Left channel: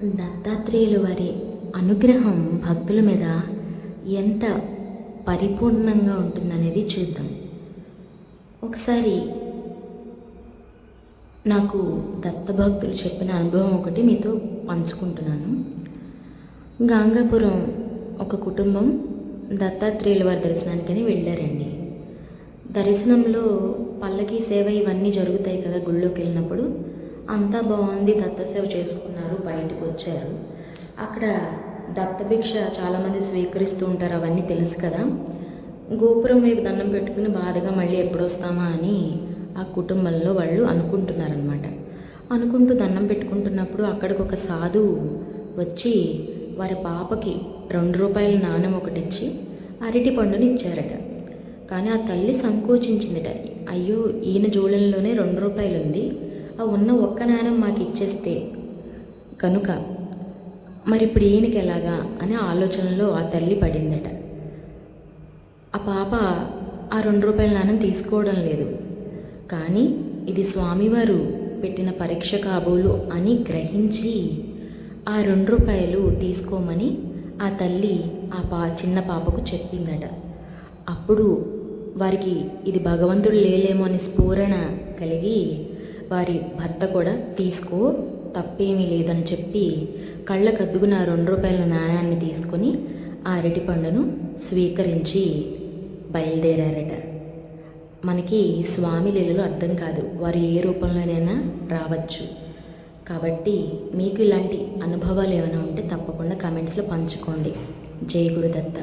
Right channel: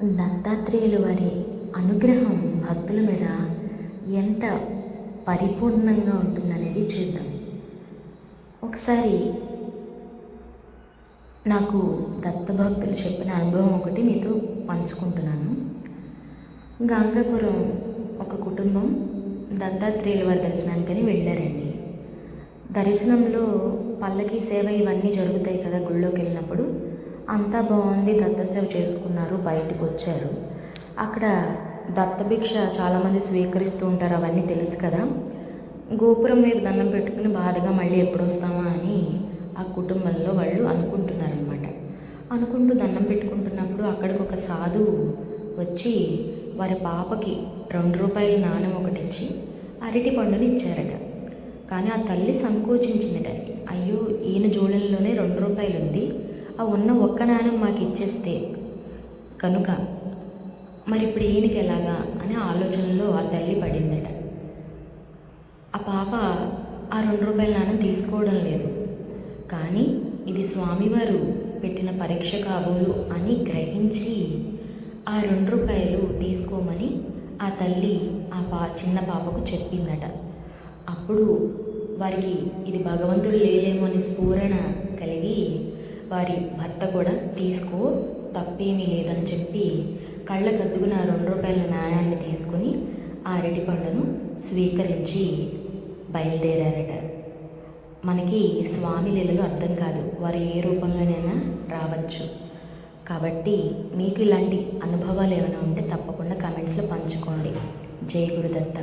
దత్తాత్రేయులు వారి అనుగ్రహం భక్తుల మీద ఎంత పరిపూర్ణంగా ఉంటుందనేది చూద్దాం. ఒకసారి నాకు దత్తభక్తులు చెప్పిన అనుభవం ఒకటి మీతో పంచుకుంటున్నాను. గాంగాపురం ఒక కుటుంబం దత్తాత్రేయుల వారి దర్శనానికని వెళ్ళారండి. దర్శనంలో పల్లకి సేవ ఇవన్నీ జరుగుతాయి కదా గుళ్ళోకి వెళ్ళినప్పుడు. అంతా బాగుంది, దత్తసేవ చేసుకున్నారు, బయటకు వచ్చారు. అక్కడ దత్తభిక్ష చాలామంది స్వీకరిస్తూ ఉంటారు, అవన్నీ తెలుసు కదా. గోపురం వైపు దండం పెట్టుకుని బాధగా మళ్ళీ ఎప్పుడు వస్తామా అని ఆ కుటుంబంలో వాళ్ళు అనుకుంటున్నారనమాట. అనుకుంటూ దండం పెట్టుకుంటున్నప్పుడు అక్కడికి ఒక సాధువు వచ్చి వారి పాపకి 2 రూపాయల నాణెం ఒకటి ఇచ్చి అరటి పండుని ఇచ్చారట. కానీ ఆ తల్లి సంకోచించిందట. అయ్యో, ఈయన జోళంలోనే 2 రూపాయలు ఉంది, ఆ ఉన్న ఒక్క నాణెం మాకు ఇచ్చేస్తే కనుక మరి ఇప్పుడు ఈయనకి ఎలాగా అనే ఆలోచనలో ఆ తల్లి పడిందట. ఆ పాప ఆ 2 రూపాయల నాణెం తీసుకోవడం లేదు. కానీ ఇది స్వామివారు పెట్టిన పరీక్ష కాబోలు అని గ్రహించి ఆ 2 రూపాయలు తీసుకోమని ఆ తల్లి ఆ చిన్న పాపకు చెప్పిందట. అప్పుడు వారికి ఇది భగవంతుడు లేలేమో అని స్ఫూరణ కలిగి వారి భర్త కూడా తీసుకో, తప్పేమీ లేదని చెప్పి కళ్ళకద్దుకుని ఆ 2 రూపాయల నాణ్యాన్ని తీసుకుని ఆ అరటి పండును స్వీకరించి బయలుదేరారట. మనకి స్వామి లీలలు అర్థం కాదు, వారు ఏ రూపంలోనైనా రావచ్చు. కాబట్టి మీకు ఇలాంటి అనుభవాలు ఏమైనా ఉంటే తప్పకుండా కామెంట్స్లో పంచుకోండి. జై గురుదత్త.